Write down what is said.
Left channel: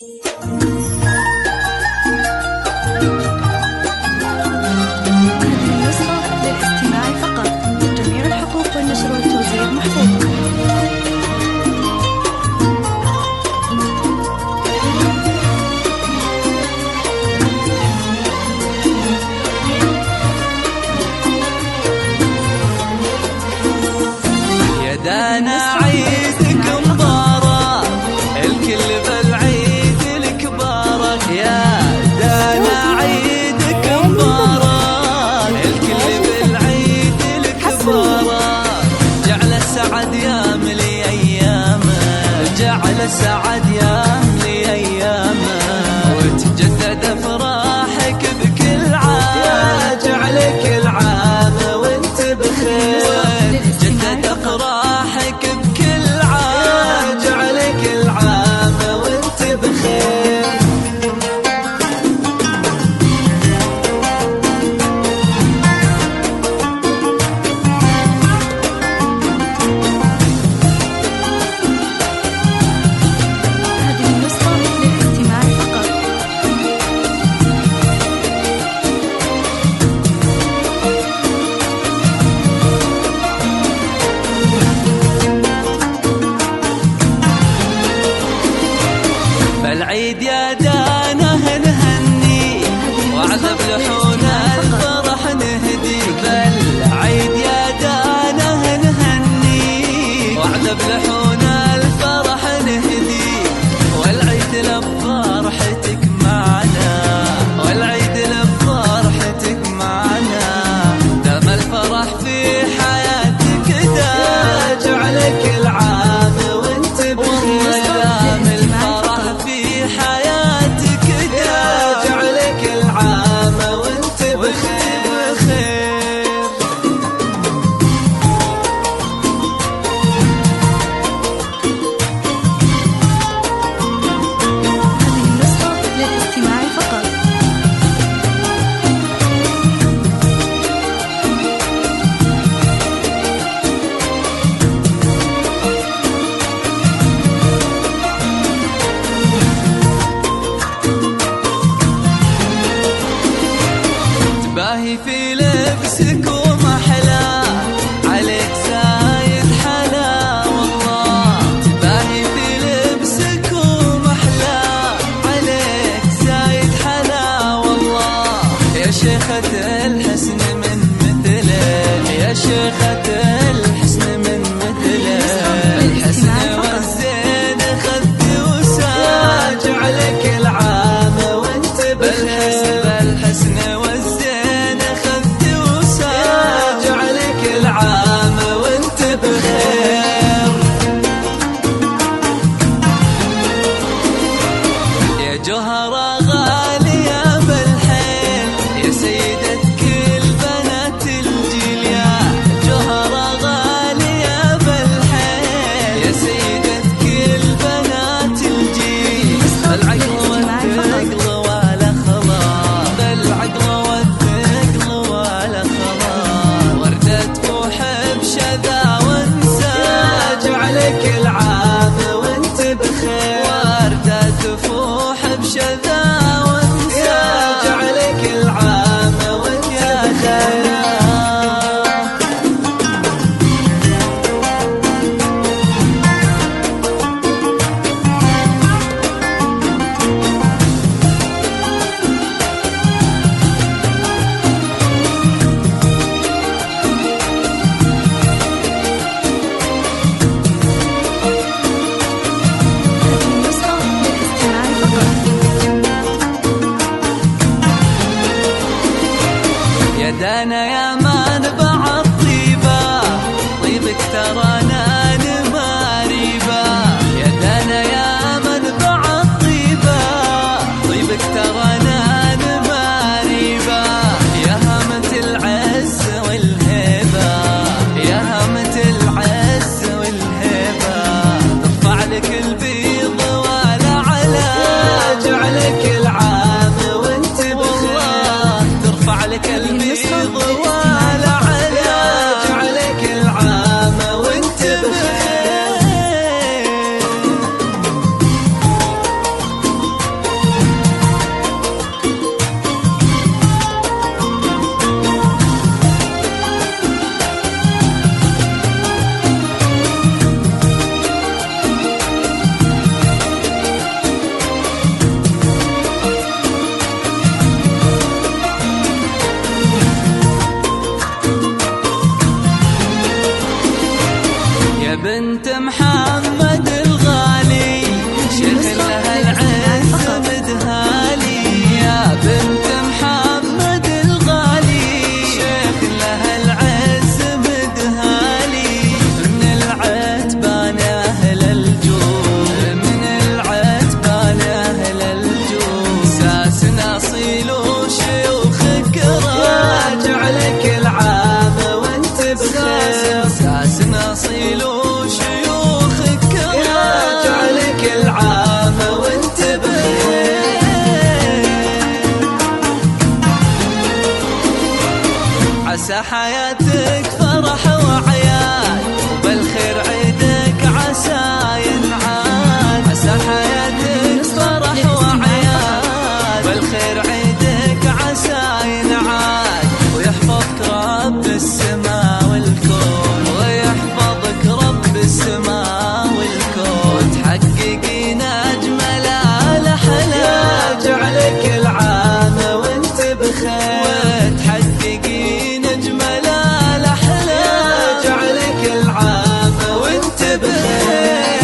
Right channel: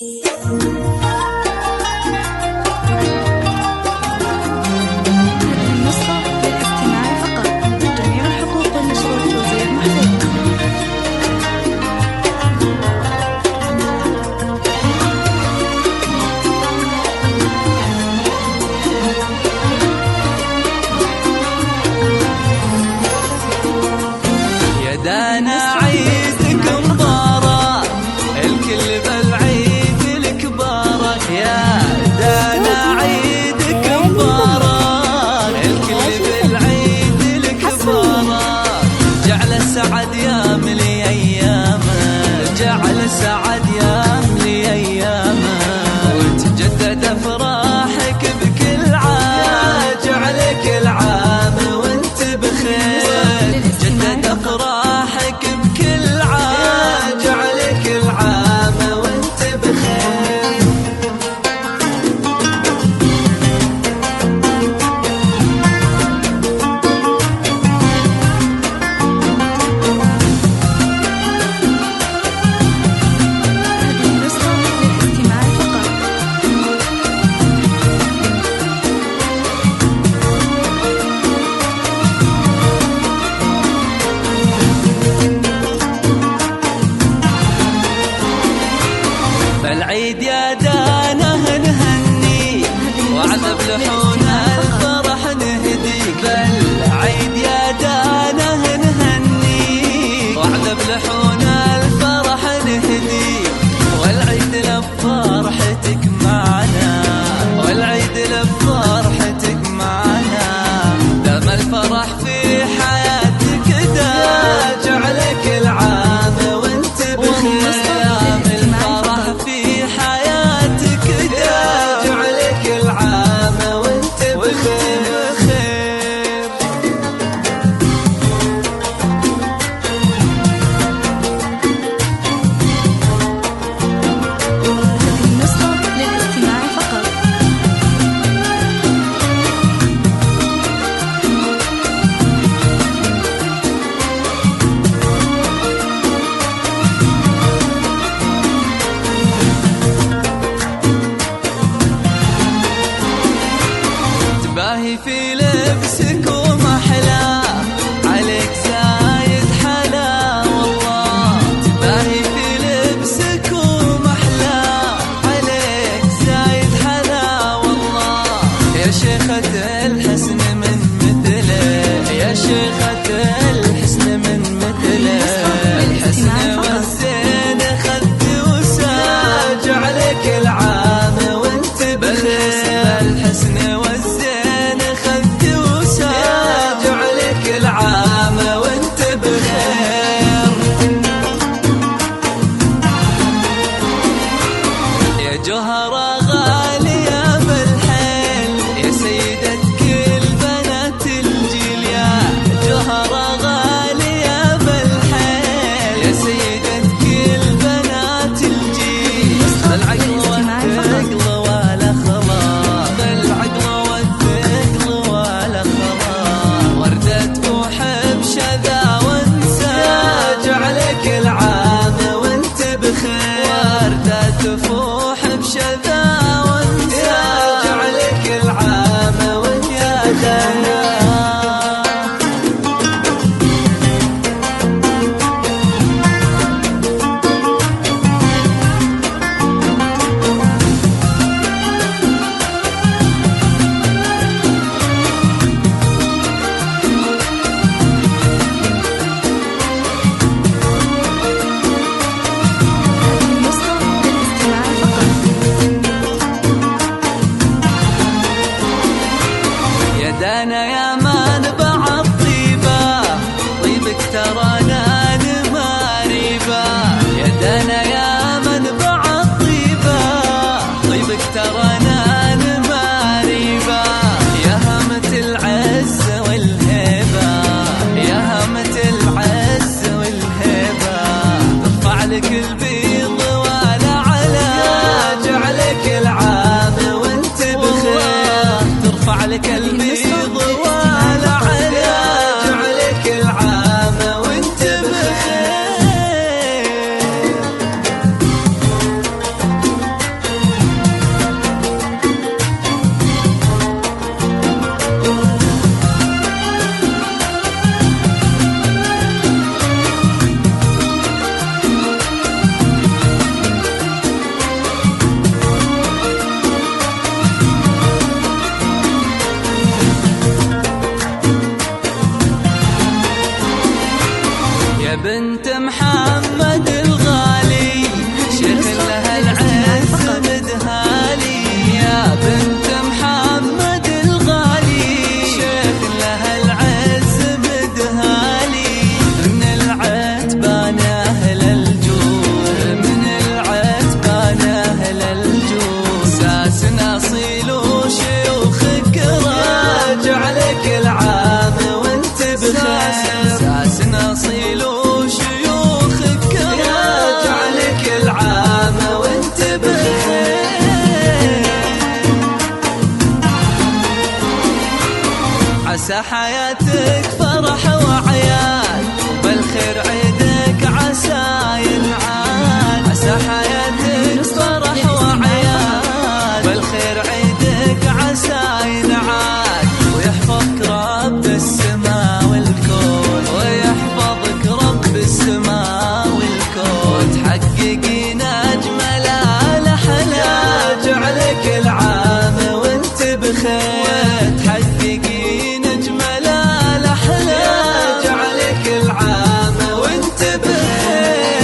هذه النسخة للاستماع فقط. جميع الحقوق والنشر والتوزيع محفوظة. يا دانا عيدك مبارك، الكل بالعيد الكبارك. يا دانا عيدك مبارك، الكل بالعيد الكبارك. جعل سعد يام لي ايامه، جعل سعد يام لي ايامه، وتجدد افراحك بكل عام. جعل كل عام وانت بخير، جدد افراحك بكل عام. جعل كل عام وانت بخير. هذه النسخة للاستماع فقط. بالعيد يا دانا نهني، وعذب لحون الفرح نهديك. بالعيد يا دانا نهني، وعذب لحون الفرح نهديك. والعيد لبفرحتك معنا، والعيد لبفرحتك معنا. دام الفرح في حياتك دا، جعل كل عام وانت بخير. دام الفرح في حياتك دا، جعل كل عام وانت بخير. هذه النسخة للاستماع فقط. تباهي في لبسك ومحلاه، عليك زايد حلا والله. تباهي في لبسك ومحلاه، عليك زايد حلا والله. يا شيخة الحسن من مثله، يا شيخة الحسن من مثله. الحسن والزين خذت وسام، جعلك العام وانت بخير. بالحسن والزين خذت وسام، جعلك العام وانت بخير. يا جوهرة غالية بالحيل، يا سيدة كل بنات الجيل. يا جوهرة غالية بالحيل، يا سيدة كل بنات الجيل. بالعقل والثقل ولا خلاص، بالعقل والثقل ولا خلاص. وردة تفوح بشذا وانسى، جعلك العام وانت بخير. وردة تفوح بشذا وانسى، جعلك العام وانت بخير. النسخة للاستماع فقط. يا دانا يا منبع الطيبة، طيبك ترانا نماريبة. يا دانا يا منبع الطيبة، طيبك ترانا نماريبة. يا هامة العز والهيبة، يا هامة العز والهيبة. ترفع لك البيض ولا علا، جعلك العام وانت بخير. ترفع لك البيض ولا علا، جعلك العام وانت بخير. يا بنت محمد الغالي شيخ لها العز مدهالي. يا بنت محمد الغالي شيخ لها العز مدهالي. من العتبان أهل الجود، من العتبان أهل الجود، ساسنا أصيل وشيوخ كرام، راجع لك العام وانت بخير. ساسنا أصيل وشيوخ كرام، راجع لك العام وانت بخير. عسى حياتك فرح وعياد وبالخير عيدك عسى ينعاد. عسى حياتك فرح وعياد بالخير عيدك عسى ينعاد. ويحفظك رب السماء والكون، ويحفظك رب السماء والكون، وتحققين أجمل الأحلام، راجع لك العام وانت بخير. وتحققين أجمل الأحلام، راجع لك العام وانت بخير.